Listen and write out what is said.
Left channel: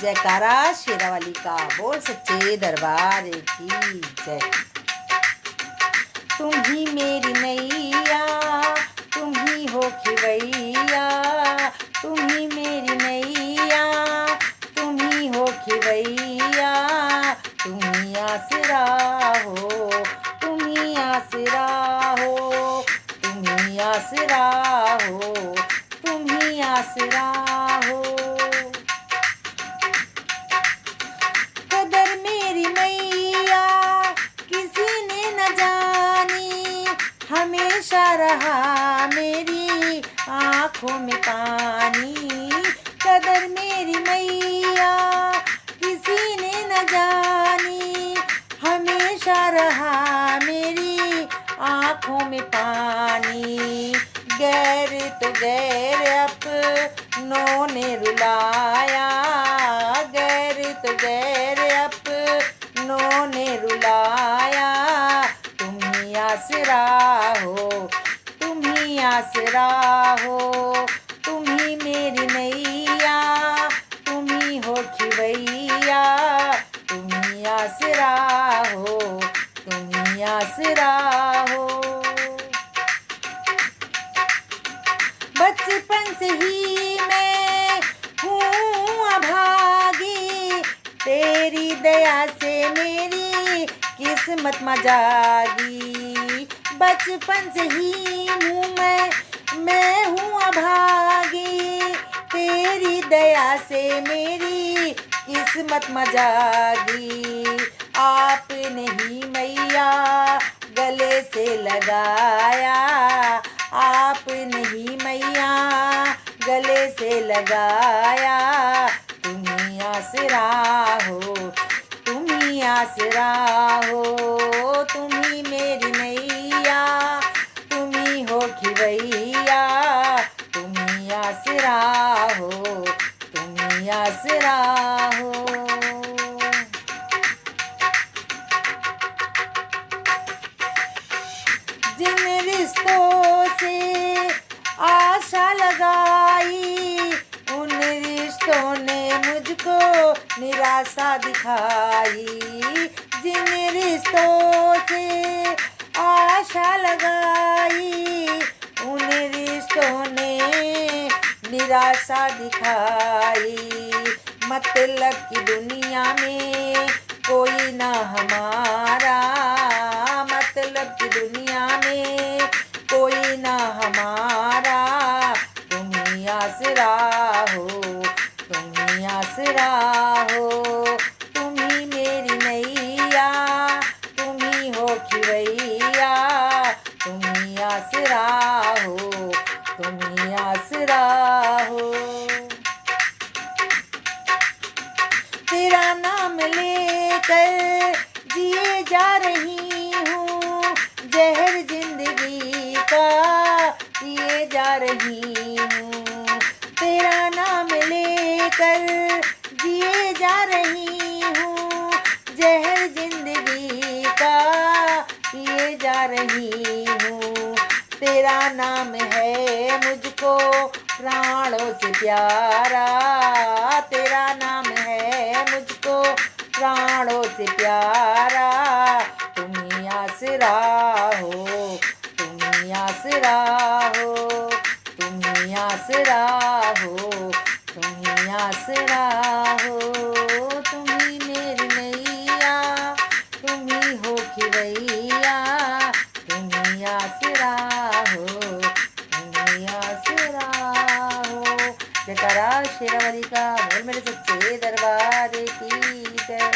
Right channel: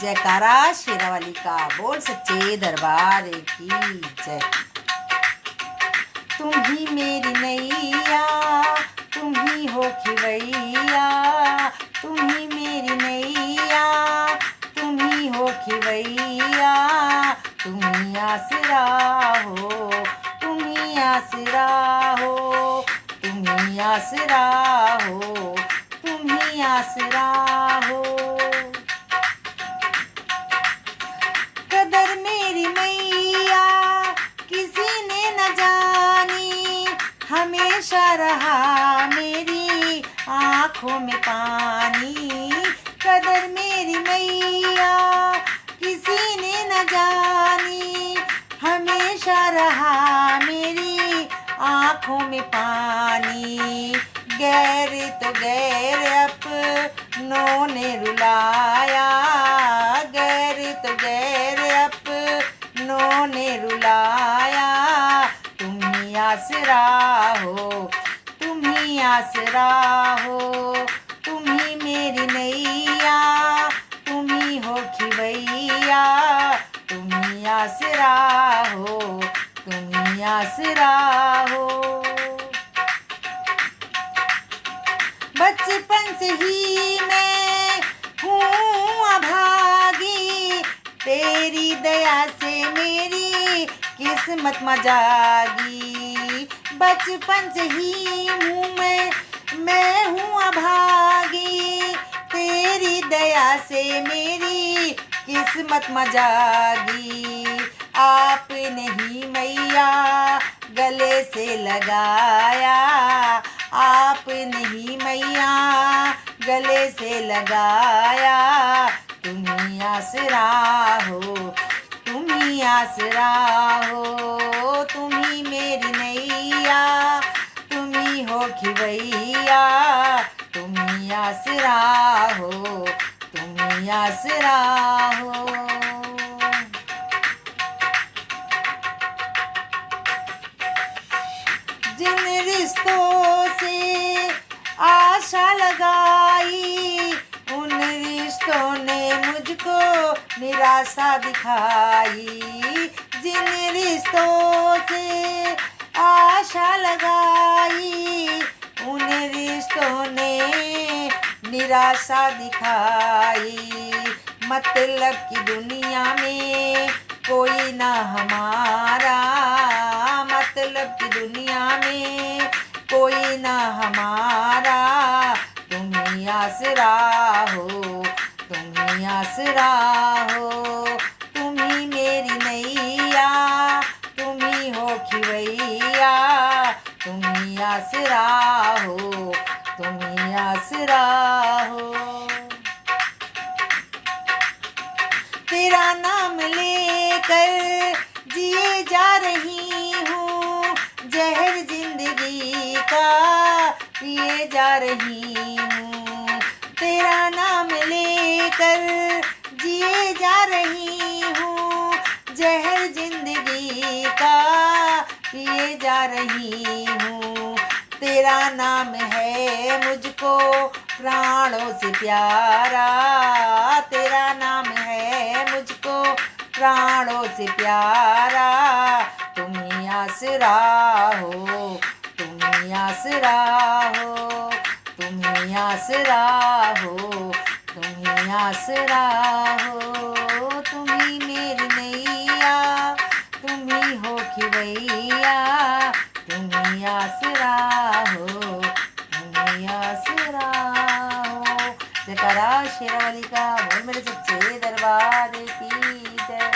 जयकारा शेरावाली का, बोल सच्चे दरबार की जय। तुम ही मेरी नैया, तुम ही हो खिवैया, तुम ही मेरी नैया, तुम ही हो खिवैया, तुम ही आसरा हो, तुम ही आसरा हो, तुम ही आसरा हो, तुम ही आसरा हो। कदर मेरी मैया किसी ने न जानी, हमेशा रहा मेरी आँखों में पानी। कदर मेरी मैया किसी ने न जानी, हमेशा रहा मेरी आँखों में पानी। गैर तो गैर अपनों ने रुलाया, गैर तो गैर अपनों ने रुलाया, तुम ही आसरा हो, तुम ही आसरा हो, तुम ही मेरी नैया, तुम ही हो खिवैया, तुम ही आसरा हो, तुम ही आसरा हो। बचपन से ही मैं हूँ अभागी, तेरी दया से मेरी किस्मत में जागी। बचपन से ही हूँ मैं हूँ अभागी, तेरी दया से मेरी किस्मत में जागी। आपने ही मैया गले से लगाया, आपने ही मैया गले से लगाया, तुम ही आसरा हो, तुम ही आसरा हो, तुम ही मेरी नैया, तुम ही हो खिवैया, तुम ही आसरा हो, तुम ही आसरा हो। जिन रिश्तों से आशा लगाई, उन रिश्तों ने मुझको निराशा दिखाई। जिन रिश्तों से आशा लगाई, उन रिश्तों ने निराशा दिखाई। मतलब की दुनिया में कोई ना हमारा, मतलब की दुनिया में कोई ना हमारा, तुम ही आसरा हो, तुम ही आसरा हो, तुम ही मेरी नैया, तुम ही हो खिवैया, तुम ही आसरा हो, तुम ही आसरा हो। तेरा नाम लेकर जिए जा रही हूँ, जहर जिंदगी का पिए जा रही हूँ। तेरा नाम लेकर जिए जा रही हूँ, जहर जिंदगी का पिए जा रही हूँ। तेरा नाम है मुझको प्राणों से प्यारा, तेरा नाम है मुझको प्राणों से प्यारा, तुम ही आसरा हो, तुम ही आसरा हो, तुम ही आसरा हो, तुम ही आसरा हो, तुम ही मेरी नैया, तुम ही हो खिवैया, तुम ही आसरा हो, तुम ही आसरा हो। जयकारा शेरावाली का, बोल मेरे सच्चे दरबार की जय।